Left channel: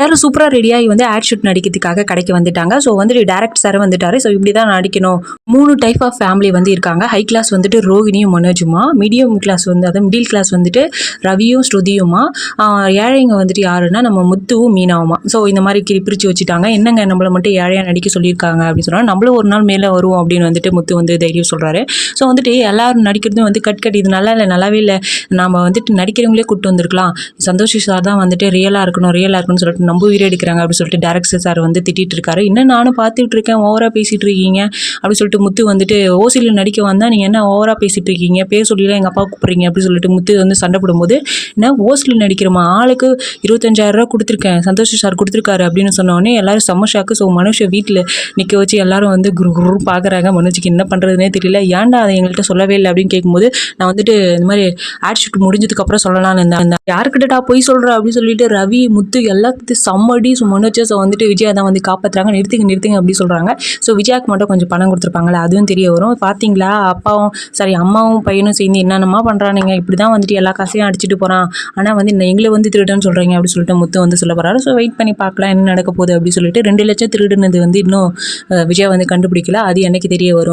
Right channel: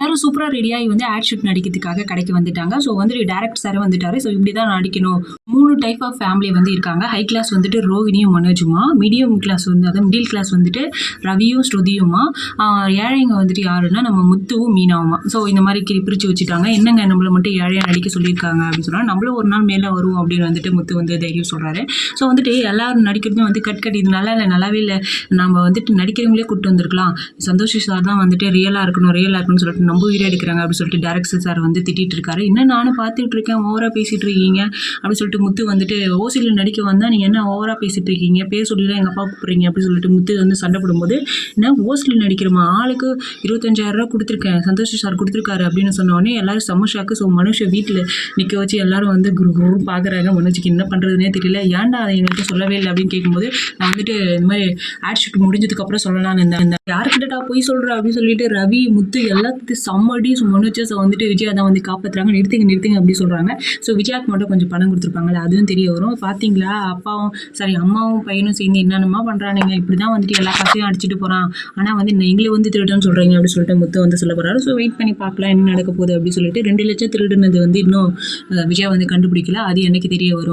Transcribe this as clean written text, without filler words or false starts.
எல்லாரும் சூப்பரா ரெடியாகி வந்து ஆட் ஷூட் நடிக்கிறதுக்காக கடைக்கு வந்துட்டாங்க. ஸோ வந்துட்டு டைரக்டர் சார் வந்துட்டாரு. ஸோ இப்படி தான் நடிக்கணும். 3 டைப் ஆஃப் ஃபேமிலி வந்து இருக்காங்க. ஹை கிளாஸ் வந்துட்டு ரோகிணியும் மனோஜுமா, மீடியம் கிளாஸ் வந்து அதாவது மிடில் கிளாஸ் வந்துட்டு ரவியும் ஸ்ருதியுமா, ஏழைங்க வந்துட்டு யாருன்னா நம்ம முத்துவும் மீனாவுமா. ஸோ இந்த மாதிரி பிரித்து வச்சுட்டாங்க. என்னங்க நம்மளை மட்டும் ஏழையாக நடிக்க சொல்லியிருக்காங்க அப்படின்னு சொன்னால், நம்மளும் ஒரு நாள் மேலே வருவோம் அப்படின்னு வந்துட்டு முத்து வந்து தைரியம் சொல்கிறாரு. ஸோ வந்துட்டு எல்லாரும் நடிக்கிறதும் வந்து கட் இது நல்லா இல்லை, நல்லாவே இல்லை, நம்ம வந்துட்டு நடிக்கிறவங்களே கூப்பிட்டு வந்திருக்கலாம், சந்தோஷ் சார் தான் வந்துட்டு ரியலாக இருக்கணும்னு சொல்லிட்டு நம்ம உயிரை எடுக்கிறாங்க அப்படின்னு சொல்லிட்டு டைரக்டர் சார் வந்து திட்டிட்டு இருக்காரு. இன்னும் நானும் பார்த்துட்டு இருக்கேன், ஓவரா பேசிட்டு இருக்கீங்க அப்படின்னு சொல்லிட்டு முத்து வந்துட்டு ஓசியில் நடிக்க வந்தா நீங்க என்ன ஓவரா பேசிட்டு இருக்கீங்க, பேர் சொல்லிலாம் எங்க அப்பா கூப்பிடுறீங்க அப்படின்னு சொல்லிட்டு முத்து வந்து சண்டை போடும்போது, என்ன ஓசியில் நடிக்கிறோமா, ஆளுக்கு 25,000 ரூபா கொடுத்துருக்கேன், சந்தோஷ் சார் கொடுத்துருக்காரு அப்படின்னு சொன்ன உடனே எல்லாரும் செம்ம ஷாக்கு. ஸோ மனுஷ வீட்டில் நிற்க வச்சு எல்லாரும் வந்து குரு பார்க்குறாங்க. மனுஷுக்கு என்ன பண்ணுறதுனே தெரியல. ஏன்டா அதை எங்கள்கிட்ட சொல்லவே இல்லை அப்படின்னு கேட்கும்போது, நான் வந்துட்டு இந்த மாதிரி ஆட் ஷூட் முடிஞ்சதுக்கு அப்புறம் சொல்லலாம்னு இருந்தேன். யாருக்கிட்டடா போய் சொல்கிறேன் அப்படின்னு சொல்லிட்டு ரவி முத்து எல்லாத்தையும் சம்மடி மனோஜ் வந்துட்டு விஜயா தான் வந்து காப்பாற்றுறாங்க. நிறுத்துங்க அப்படின்னு சொல்கிறாங்க. ஸோ விஜயாவுக்கு மட்டும் கொஞ்சம் பணம் கொடுத்துருப்பாங்களே, அதுவும் தெரிய வரும். பார்த்தீங்களா அம்மாவும் பையனும் சேர்ந்து என்னென்னமா பண்ணுறானுங்க, இப்படி தான் வந்துட்டு எல்லா காசையும் அடிச்சுட்டு போகிறான், ஆனால் வந்து எங்களை வந்து திருடுன்னு சொல்கிறீங்க அப்படின்னு சொல்லிட்டு முத்து வந்து சொல்ல போகிறாரு. ஸோ வெயிட் பண்ணி பார்க்கலாம் என்ன நடக்க போகுது அப்படின்னு சொல்லிட்டு 2 லட்சம் திருடுனது வந்து இன்னும் விஜயா வந்து கண்டுபிடிக்கல. அது என்னைக்கு தெரிய வரும்.